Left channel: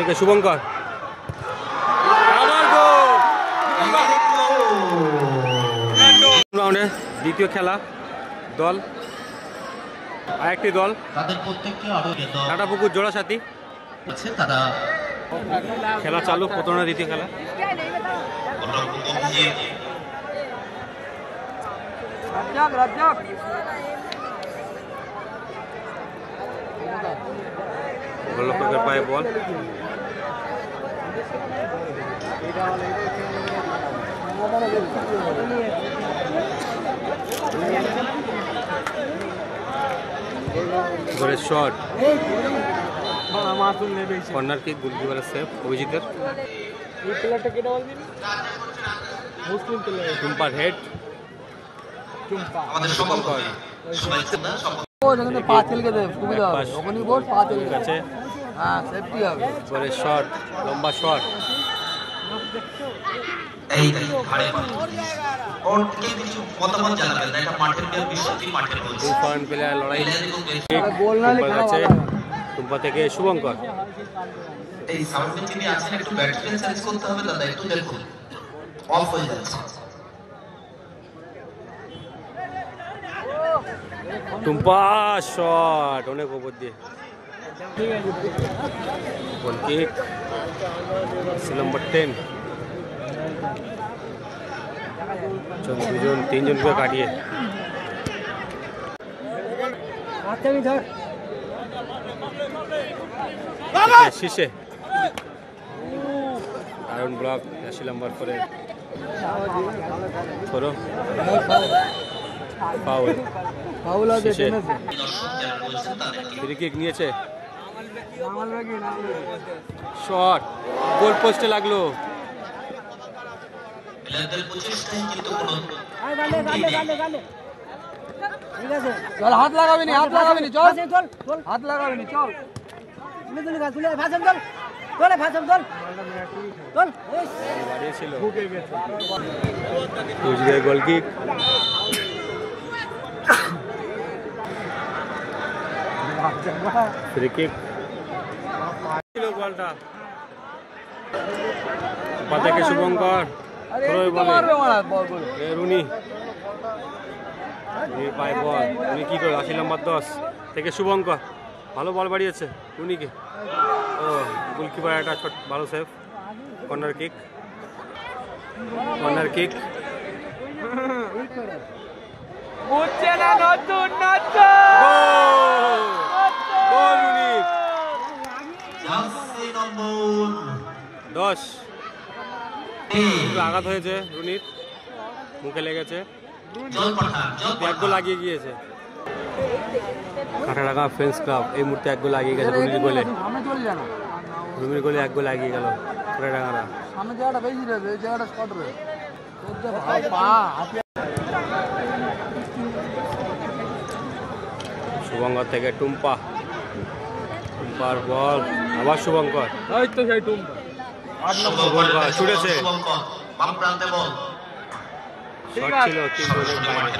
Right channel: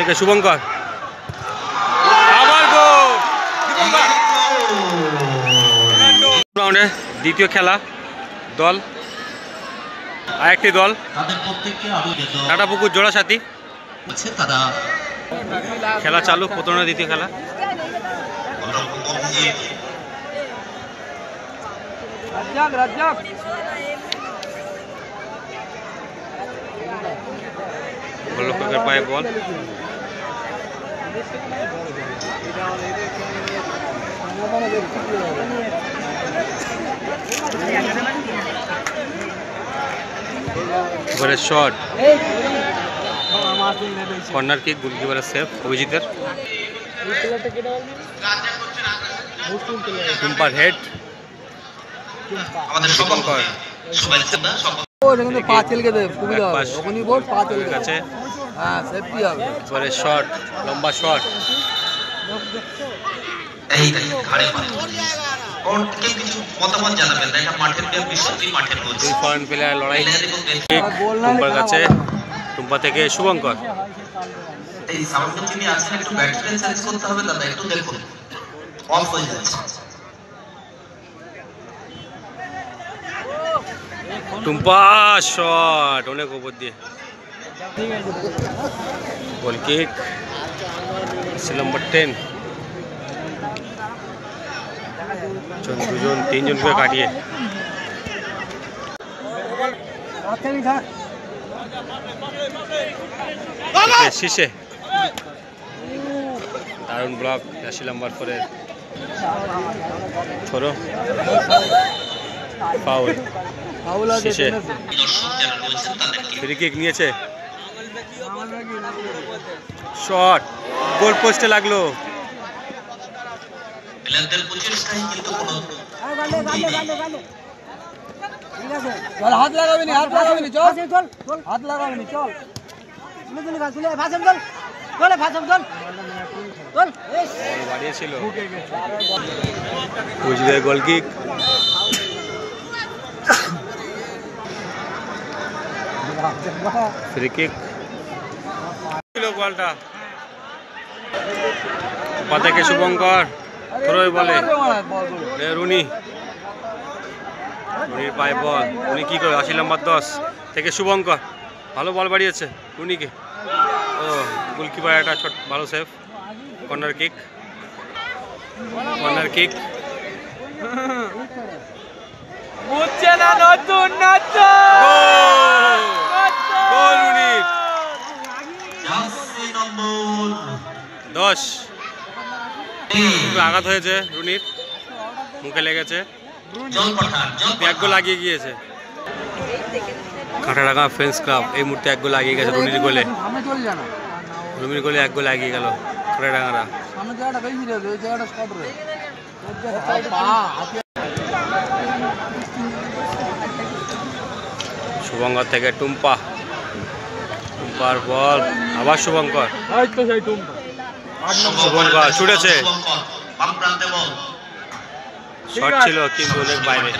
থেকে শুভঙ্কর, আবার গোল। রাউন্ডে দ্বিতীয় খেলা দল, আরেকটি দল নাটাপুকুর জোড়াসাথী, খেলা চালু, প্রথম না দ্বিতীয় খেলা। গোলরক্ষকের পায়ে বল, এবারে শট, কর্নার কিক, গোলকিপারের সেভ অভিজিতের। টুম্পার হেড, শুভঙ্কর কাছে, এবারে শট, লম্বা শট, দুই ফরেন প্লেয়ার লড়াই, টুম্পার কাছে, টুম্পা থেকে শুভঙ্কর, টুম্পা শট অনেক উপর দিয়ে, গোল কিক, নম্বর 10, দুজন তিনজনকে কাটিয়ে শীর্ষে দারুণ ব্লক, 80 নম্বর 4 ছোড়ো, ফাউল, শীর্ষে ফ্রি কিক নিয়েছে, শট, গোল পোস্টে লাগলো, হাত লাগাবি নি, হাত লাগাবি নি, চল হাত লাগাবি নি, চল বাড়িয়েছিল গোল কিক, ফ্রি কিক, বলটা পা থেকে শুভঙ্কর থ্রোই বলে রুনি, রুনির পায়ে বল, উনি কি করে, 80 নম্বর 10 থেকে শুভঙ্কর, ভালো বল বাড়িয়েছে রুনিকে, ও গোলকিপার একটা ছোট ভালো save, corner kick, corner kick, goal রুনির, 10, আঘাত হয়েছে রুনির, মুখে লেগেছে, এক গোল লাগিয়ে গিয়েছে, কাঁটাডাঙ্গা ফ্রেন্ডস ক্লাব এই মুহূর্তে এক গোল লাগিয়ে গেছে রুনির গোলে, রুমির গোলে এক গোল লাগিয়ে গেল কাঁটাডাঙ্গারা। শুভঙ্কর থেকে টুম্পা, টুম্পার বল, আবার শুভঙ্কর, শুভঙ্কর ছুটেছে, শট ছিল কিন্তু অনেক বাইরে,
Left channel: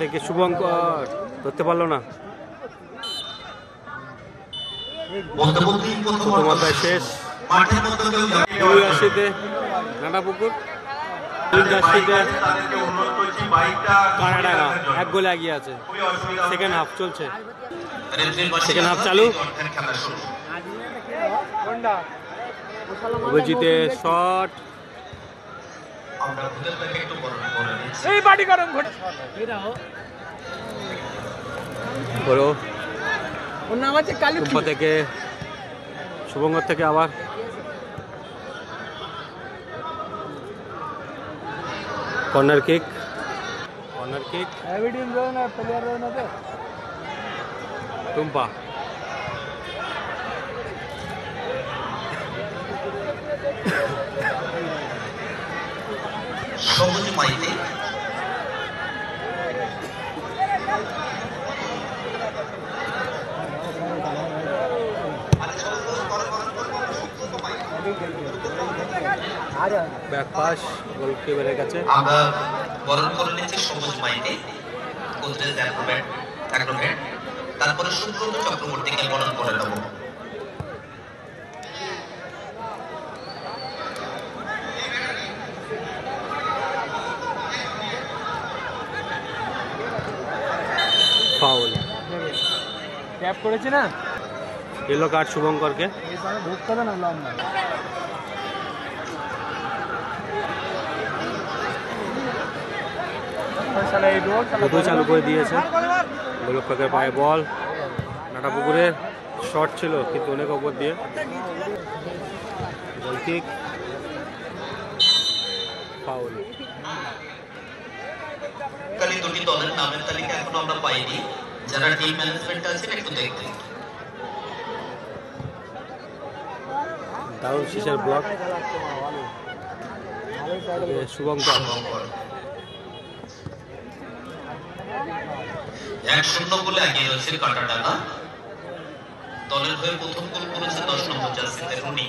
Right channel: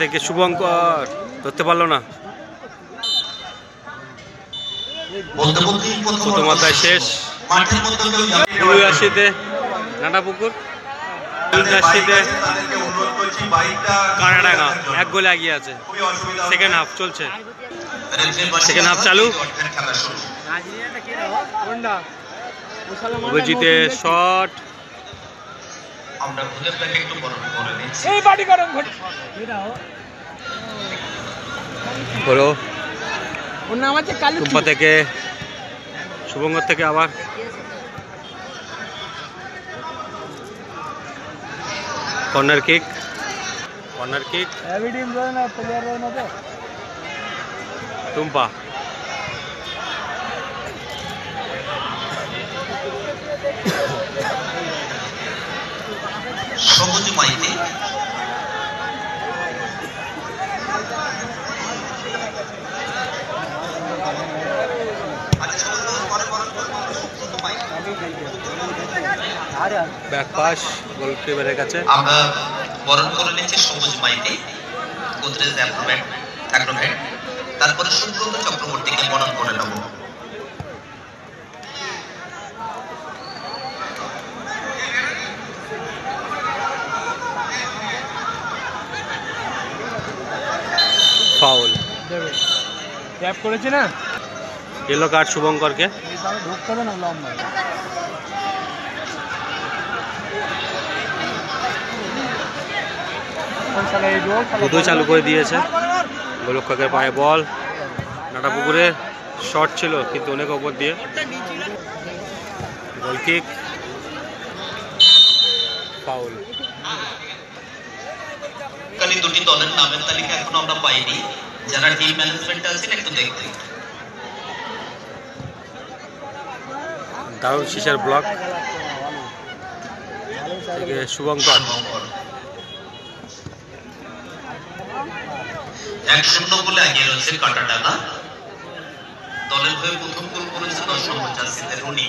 থেকে শুভঙ্কর ধরতে পারলো না, প্রথম অধ্যায় শেষ, 79-তে নাটাপুকুর, 83-তে কাঁটাডাঙ্গা এক গোলে এগিয়ে আছে, সেকেন্ড হাফ চলছে, সেকেন্ড হাফ চালু, অভিজিতের শট, টুম্পা থেকে শুভঙ্কর থেকে আবার corner kick, corner kick, Tumpa, সবুজ মাইতি ব্যাক পাস গোলকিপারের কাছে। আমরা বরণ করে নিচ্ছি সবুজ মাইতি গোদরেজ অ্যাক্রোব্যাট, তারপরে সুব্রত চক্রবর্তীকে বরণ করে নেব। ফাউল, ট্যাপ করেছে না, ইয়েলো কার্ড শুভঙ্করকে। ঢুকতে দেয় না লম্বা। দুটোই চালু করে দিয়েছে। গোলরক্ষকের পায়ে বল, নাটাপুকুরে শট ছিল কিন্তু অনেক ওপর দিয়ে। গোল কিক, ফাউল। কালি দুটি দলের নামের তালিকা এখনো আমরা পাইনি, যারা টিম ম্যানেজমেন্ট আছেন একটু দেখতে। দারুণ শীষের ব্লক থেকে শুভঙ্কর। 1-0 গোলে এগিয়ে রয়েছে কাটাটানা। দলের হয়ে প্রথম গোল করেছে 10 নম্বর জার্সিতে রুনি।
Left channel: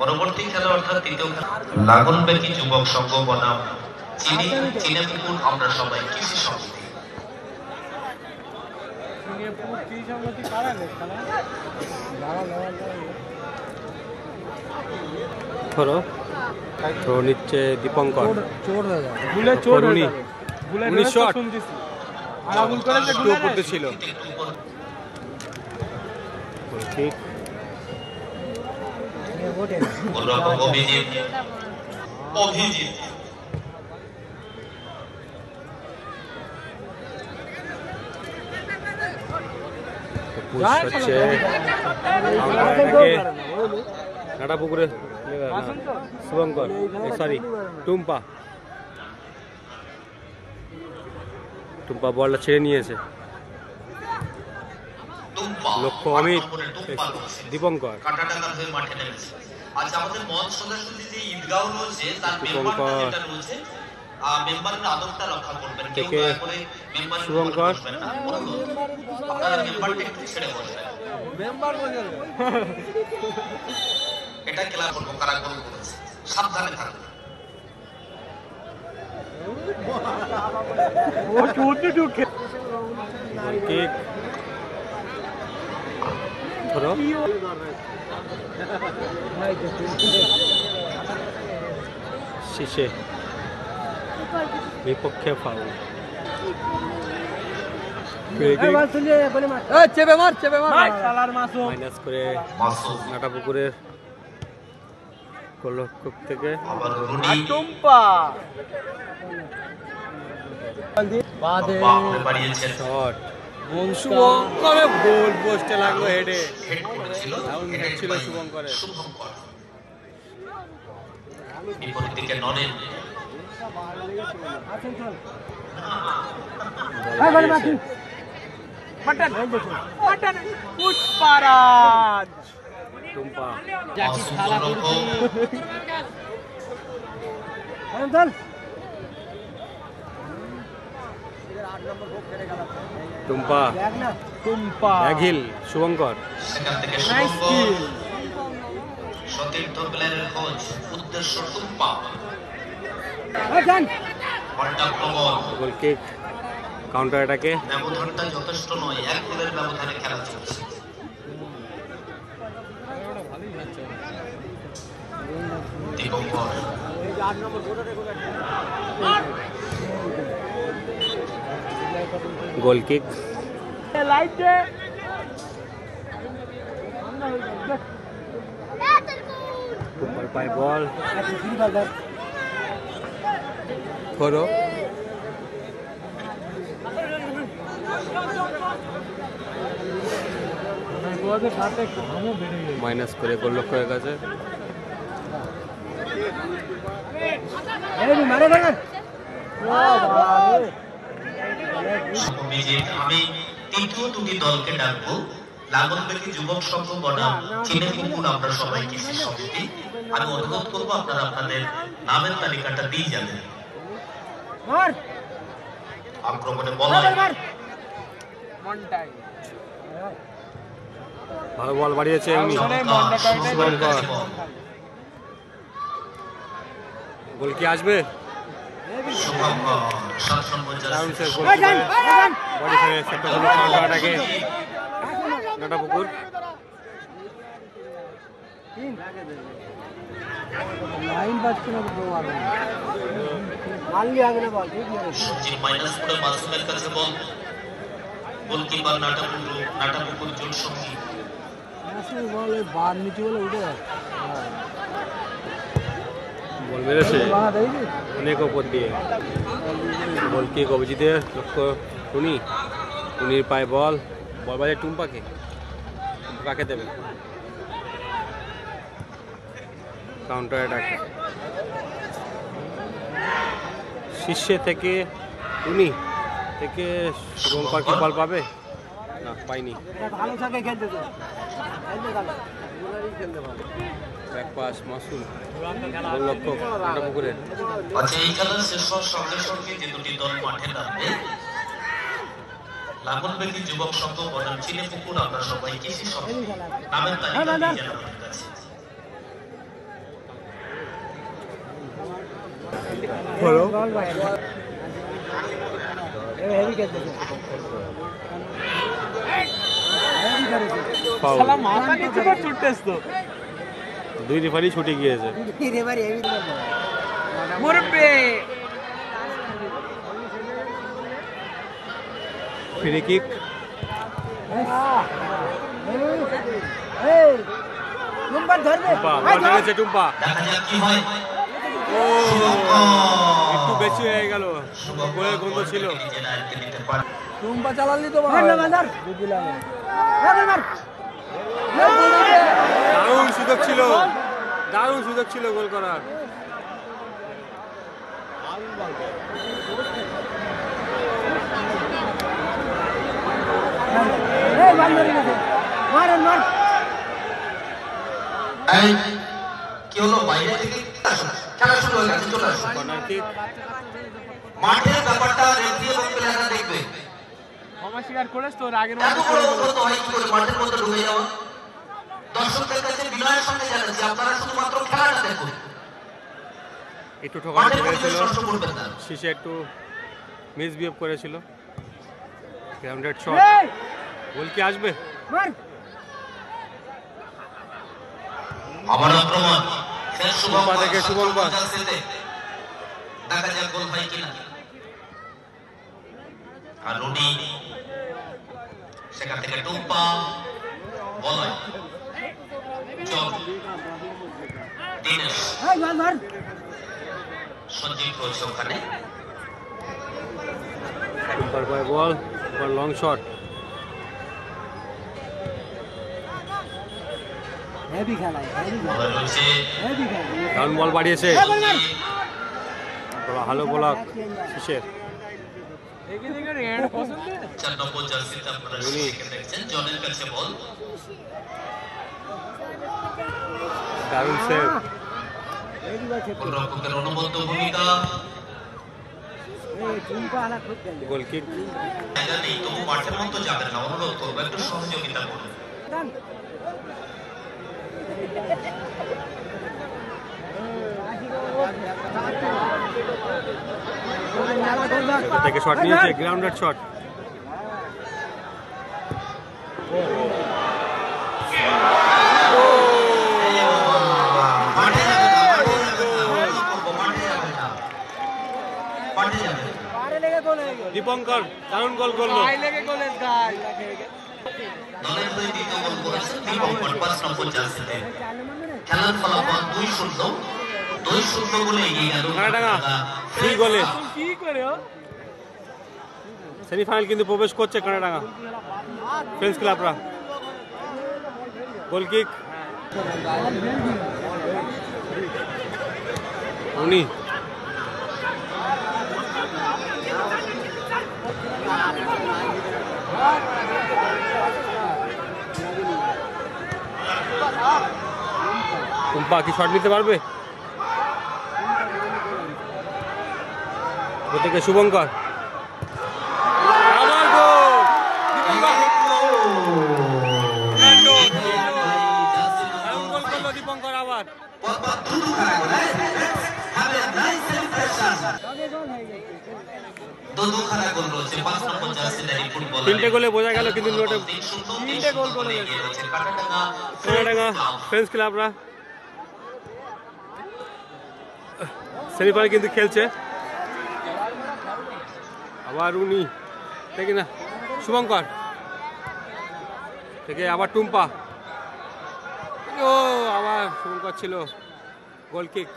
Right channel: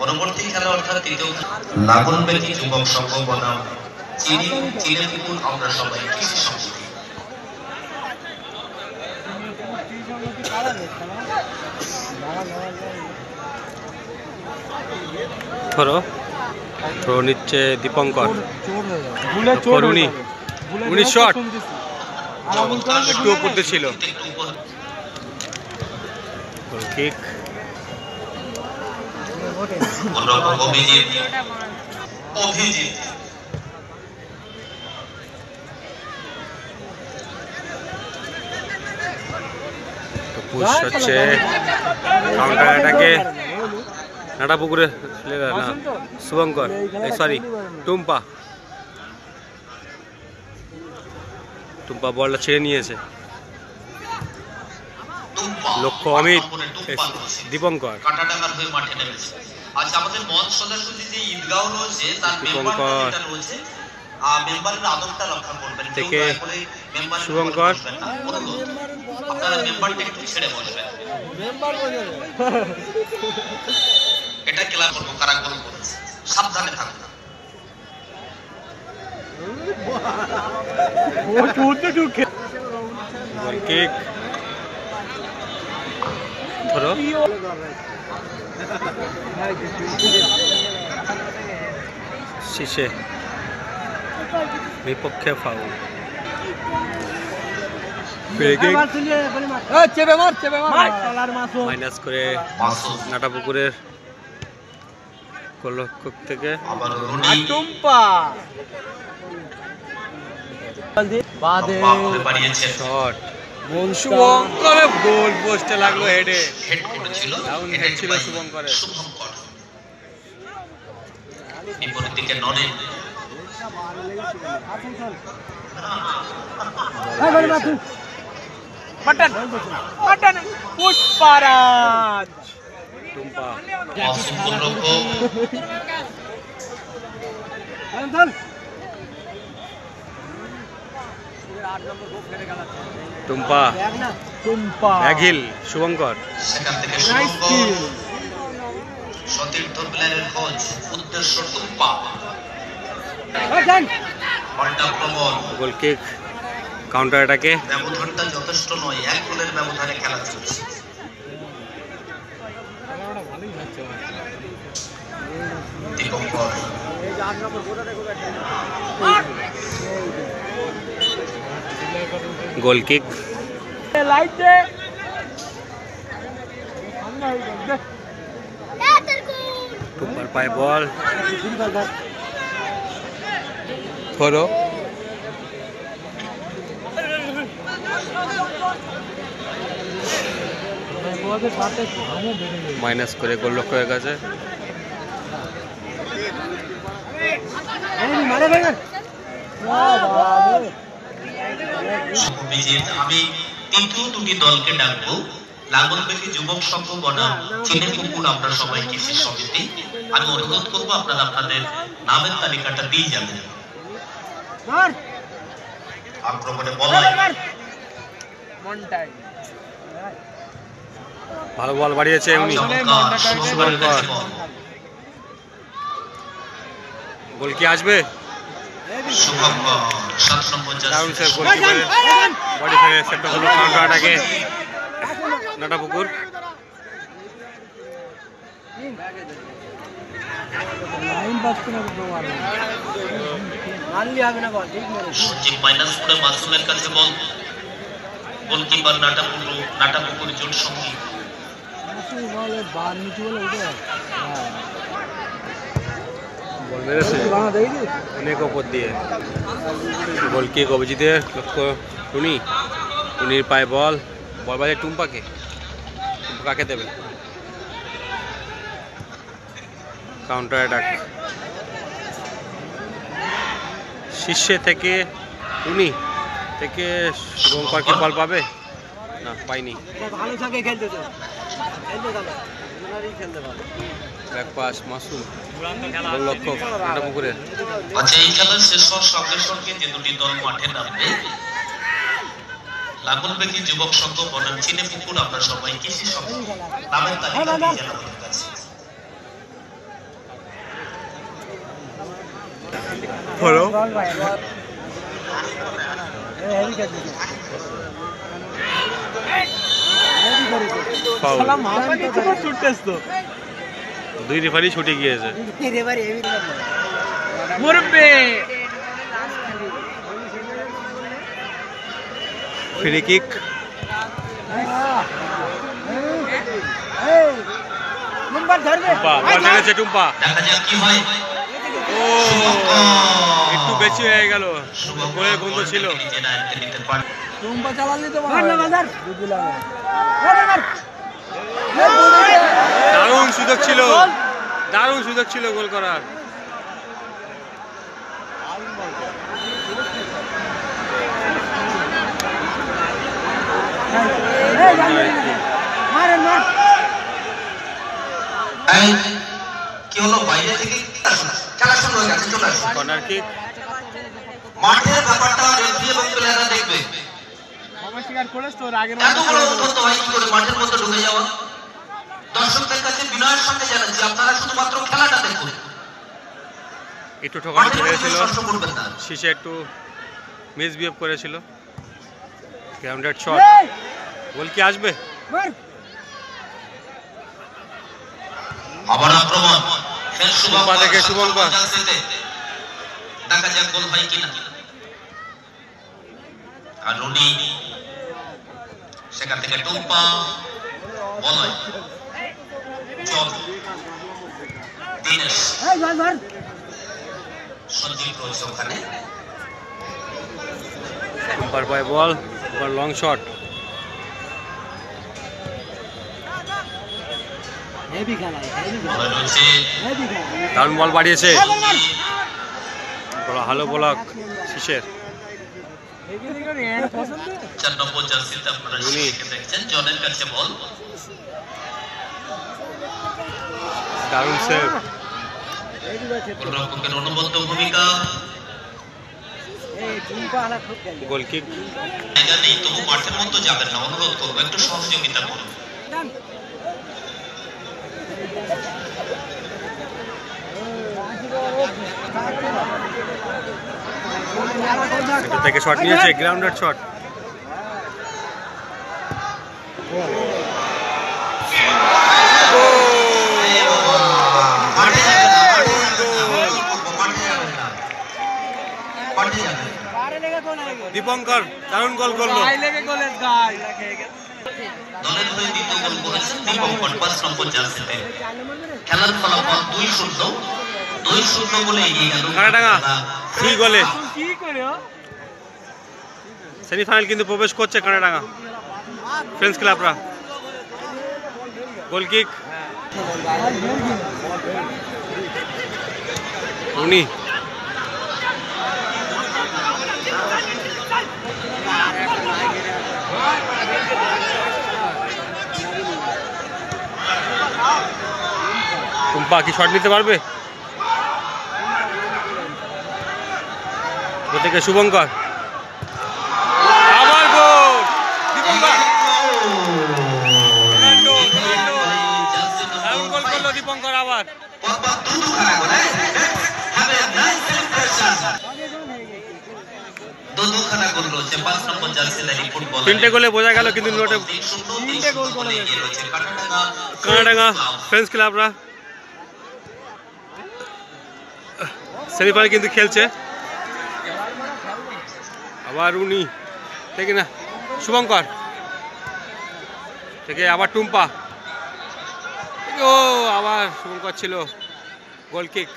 পরবর্তী খেলা অর্থাৎ তৃতীয় লাগনবেতি যুবক সংঘ বনাম চিনেপুকুর আমরা সবাই কৃষি সমিতি। থ্রো নিচ্ছে দীপঙ্কর। করুনি, উনি শট একটু উপর দিয়ে ছিল। গোল কিক, অভিজিৎ পুশ হচ্ছে কাউন্টার অ্যাটাকে। নাটাপুকুরে না শুভঙ্কর, সরি টুম্পা বলটা ছেড়ে নিয়েছে। লক্ষ্য অমিত, দীপঙ্কর। কাটাটানার হয়ে মাঠে নেমেছে। আচ্ছা, আমাদের মঞ্চ সদস্যদের যে ঈদগাহ রয়েছে তার দীপঙ্কর মেম্বারের আদরটা রক্ষা করবেন। থেকে শুভঙ্কর, আপনারা মেম্বারটা একটু ছেড়ে বসবেন। এটা ক্লাব করবো, কারা গোল করেছে সাবধানে থাকুন। গোল কিক, থ্রো শীষে বিপক্ষে ফাউল। মাইনাস করে নাটাপুকুরের গোলরক্ষক থেকে। শট শুভঙ্করের, গোল পোস্টে লাগলো হেডে। ডাউন হেড ছিল শুভঙ্করের। বিপরীত দিকে নরেন টুম্পা ব্যাগহিল শুভঙ্কর। সেখান থেকে সতীর্থ প্লেয়ারের কোচ উদ্দেশ্য টুম্পা। গোল কিক, কাউন্টার অ্যাটাকে। ব্যবধানটা যথেষ্ট নয়, 1 গোলের ব্যবধানে খেলা চলছে। গোল কিক, টুম্পার পায়ে বল, থ্রো মাইনাস করে গোলরক্ষকের কাছে। আমি তৃতীয় দুটি দলকে ডাকবো, লাগনবেতি যুবক সংঘ বনাম চিনেপুকুর আমরা সবাই কৃষি সমিতি। আমি অনুরোধ করবো আপনারা আপনাদের নামের তালিকাটা দিয়ে যাবেন। আক্রমণে বলাই ভালো বল বাড়িয়েছে উনি শুভঙ্কর। গোল কি আসবে? দারুণ সেভ গোলকিপারের, বডি ফেলে সেভটা হলো কাউন্টার অ্যাটাকে নাটাপুকুর। লাইন বাজছে না তো আর মারলি হবে না বল, ঠিক মেরে সঞ্জীব মাইনাস করে মাসুমের কাছে বল। গোলকিপার নাটাপুকুর জোট সঙ্গী মাসুম বলে বার নিচে বলে উঠে বল মেরেছে অনেক ওপর দিয়ে। বল কিক অভিজিতের, লক্ষ্য টুনির পায়ে বল বাজে টুম্পাকে। কাকে দেবে? কাউন্টার অ্যাটাক শীর্ষে থেকে টুনি থেকে শুভঙ্কর কি বল পাবে? না, পাইনি। ভালো সঙ্গে খেলতেছে, খেলতে ভালো, ওনারই খেলতে ভালো। ব্যাক পাস মাসুম, গোল লক্ষ্য নাটাপুকুরের। আচ্ছা, এই খেলা শেষ হওয়ার সঙ্গে সঙ্গে যে দুটি দল মাঠে নামবে, লাঙ্গলবেগী যুবক সংঘ বনাম চিনেপুকুর, আমরা সবাই কৃষি সংঘ নামের তালিকা দিয়ে আমাদের কাছে। হলো দুই রেফারি ছুটে গিয়েছে। ফ্রি কিক, বল টেনেছে টুম্পা। দেখা যাক কি হয়। ও একটু বেশি হয়ে গেল, গোলের গন্ধ ছিল। টুম্পা চালালি তো দারুণ সুযোগ ছিল, দারুণ সুযোগ ছিল গোল করার। কি হলো? বাইরে থেকে খেলা শুরু হয়ে গেছে, চলে আসুন। কর্নার কিক, মাঠের ব্যাপারটা রেফারি এবং প্লেয়াররা দেখবে। স্বীকার করেছ তো আগের এত বড় উন্নত হয় কি করে মাঠের মধ্যে ঢুকে যাওয়া? দর্শকদের কাছে বিনয়ের সঙ্গে জানাচ্ছি, আপনারা শুধুমাত্র খেলাটা দেখুন। একটু ঠকানো হয়েছিল, শেষে একটু মিসবিহেভ করেছিল। গ্রাউন্ডেড শট, গোল কি আসবে? আবার আক্রমণ, টুম্পা থেকে শুভঙ্কর। দেখা যাক গোল হয় কিনা। আর উনি সেখান থেকে টুম্পা বল চল দিনেশ সঞ্জীব রয়েছে ওখানে। টুম্পার পায়ে বল, লং শট। দারুণ বল বাড়িয়েছে, ভালো ব্লক শিশের। দারুণ সেভ, অনবদ্য ভূমিকা। গোল কিক, নেই তবু মাঠের মধ্যে যাবেন না, অনুরোধ করবো একটু সহযোগিতা করুন। এটা থেকে শট নিয়েছে, গ্রাউন্ডেড শট। দীপঙ্কর দারুণ গোল করলো। দুই গোলে সেমিফাইনাল কিন্তু প্রবেশ করছে কানাডাঙ্গা ফ্রেন্ডস ক্লাবরা। গোল কিক উনি টুম্পা কি শট নিতে পারবে? থেকে শুভঙ্কর, আবার গোল দীপঙ্কর। দুখানা গোল রয়েছে 5 নম্বর জার্সিধারী ফুটবলার। 3টে গোলে বোঝা গেল কিন্তু নোটে 3 গোল করে রয়েছে কানাডাঙ্গা ফ্রেন্ডস ক্লাবরা সেমিফাইনাল কিন্তু খেলছে। আবার উনি থেকে না শুভঙ্কর থেকে আবার টুম্পা, ও আবার শুভঙ্কর ছিল, goal kick,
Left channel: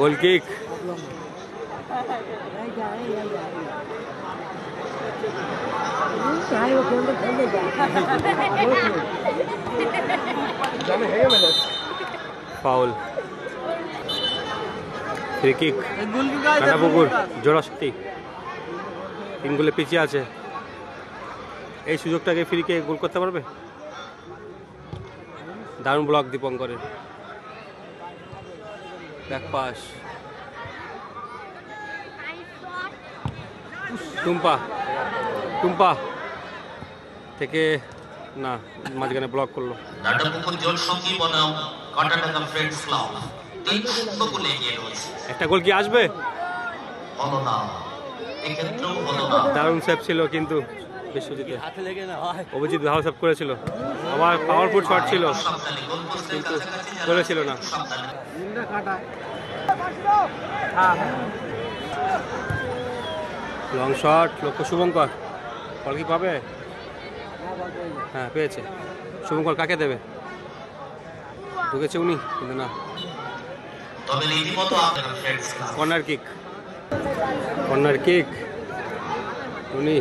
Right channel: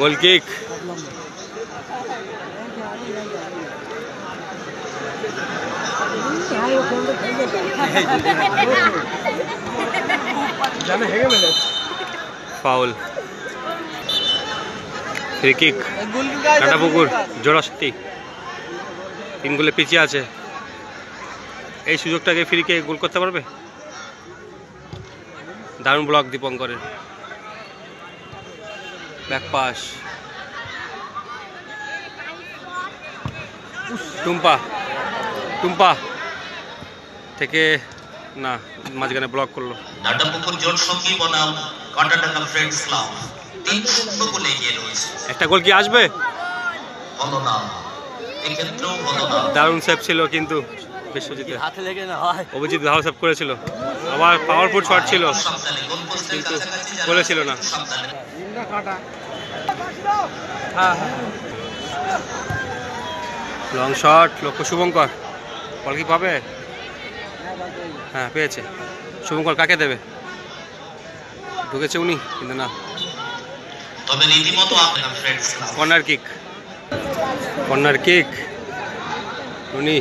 goal kick. Foul, free kick, Kantapukur Jorashakti 3 গোলে পিছিয়ে আছে। এই সুযোগটাকে ফ্রিকে গোল করতে পারবে? দারুণ ব্লক দীপঙ্করের, ব্যাক পাস, টুম্পা, টুম্পা থেকে না মাঝখানে ব্লক করলো। নাটাপুকুর জোট সঙ্গী বনাম কাঁটাডাঙ্গা ফ্রেন্ডস ক্লাব 3-0 গোলে এগিয়ে রয়েছে। একটা গোল কি আসবে? হলো না, এক্ষেত্রেও হলো না। দারুণ সেভ ছিল কিন্তু বিশ্বজিতের, অভিজিৎ ভালো সেভ করেছিল, আবার পাওয়ারফুল শট ছিল কিন্তু গোলে ছিল না। লং শট, লক্ষ্য শুভঙ্কর, বল কি পাবে? হ্যাঁ পেয়েছে। শুভঙ্কর কাকে দেবে? ঢুকেছে উনি কিন্তু না। তবে রীতিমতো আপনার friends club corner kick, corner kick, উনি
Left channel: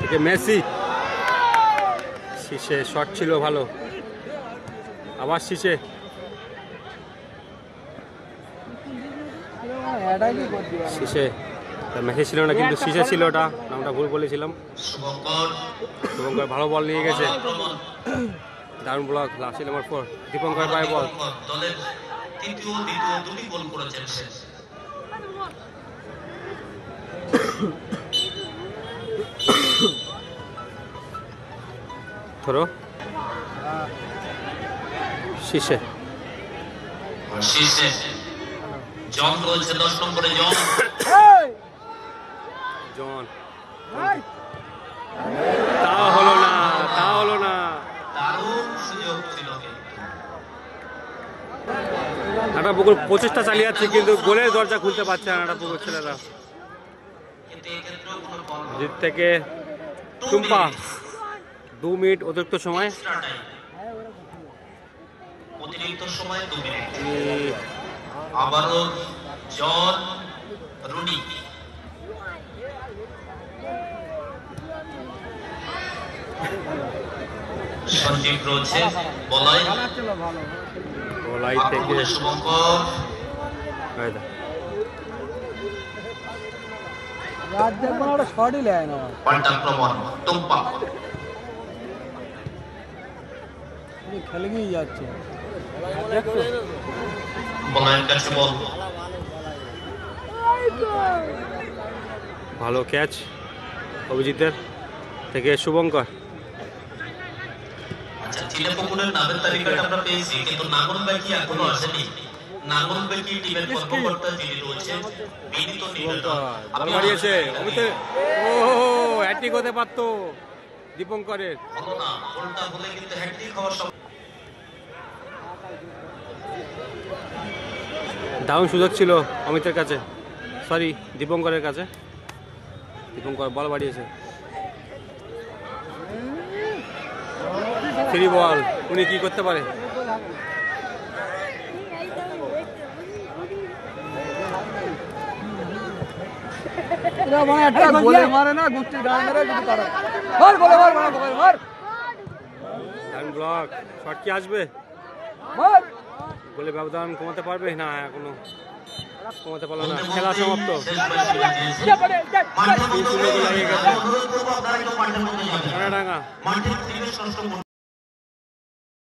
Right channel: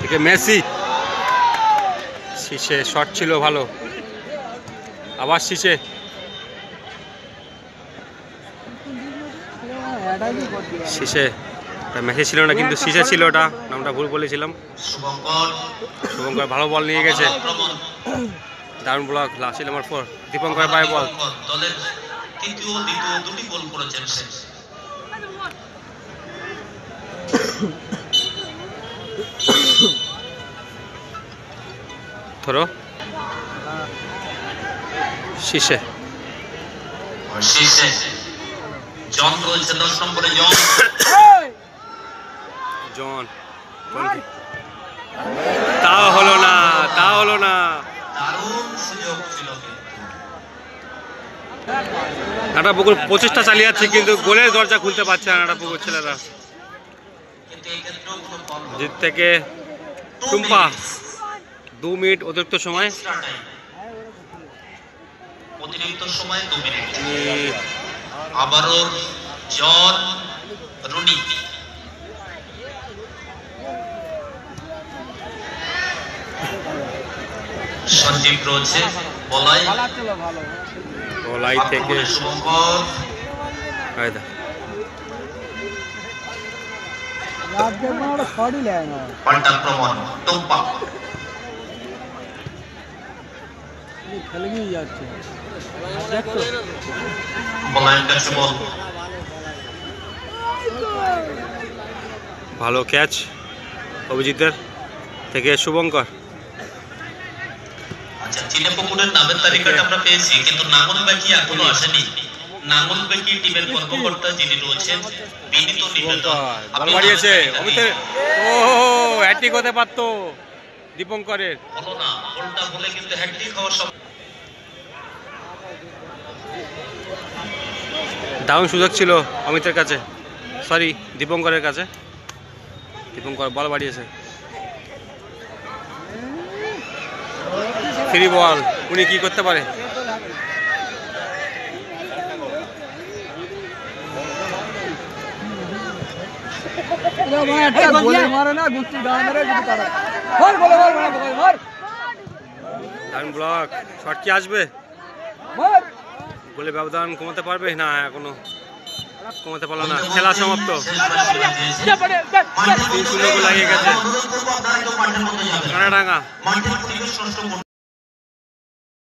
থেকে মেসি, শীষে শট ছিল ভালো, আবার শীষে, শীষে মেসি ছিল না কিন্তু শীষে ছিল, ওটা নামটা ভুল বলেছিলাম। শুভঙ্কর শুভঙ্কর ভালো বল নিয়ে গেছে, দারুণ ব্লক, লাস্ট নাম্বার 4 দীপঙ্কর পায় বল। দলের তৃতীয় দ্বিতীয় দুটি গোল করেছেন সে। ধরো শীষে, শেষে জন রয়েছে 10 নম্বরে জন। জন, তা হলো না, তা হলো না। দারুণ সুযোগ ছিল। নাটাপুকুর প্রচেষ্টা চালিয়ে যাচ্ছে কিন্তু গোলের দরজা খুলতে পারছে না নাটাপুকুর ছেলেরা। কিন্তু এই ক্ষেত্রেও কোনো বল জিত থেকে টুম্পা 2 মিনিট অতিরিক্ত সময়, অতিরিক্ত সময় 2 মিনিট। আবারও জন রুনি, সঞ্জীব রয়েছে বলাই, বলাই থেকে শুভঙ্কর, পাল্টাক্রমণ টুম্পা, খেলে গিয়ে যাচ্ছে, বলাইয়ের কাছে বল, ভালো ক্যাচ অভিজিতের থেকে শুভঙ্কর। আচ্ছা চিনেপুকুরের নামের তালিকাটা আমরা পেয়েছি কিন্তু নাঙ্গলবাকি এখনো আসেনি। নাঙ্গলবাকি টিমের কর্মকর্তা যিনি রয়েছেন বিনীত নিবেদন, বল বাড়িয়েছে অমিতের, ও হ্যাট্রিক হতে পারতো দীপঙ্করের। হলো না, গোলটা হলে কিন্তু হ্যাট্রিক হওয়ার সম্ভাবনা। দারুণ সুযোগ ছিল অমিতের কাছে, সরি দীপঙ্করের কাছে। দীপঙ্কর বল বাড়িয়েছে, ফ্রি বল, উনি কি করতে পারে? দারুণ ব্লক, শট কি আসবে? গোলে ব্যবধান কমাতে পারবে না, এখনো কমাতে পারলো না। খেলা সমাপ্ত, 3-0 গোল লাগিয়ে গেছে কানাডাঙ্গা।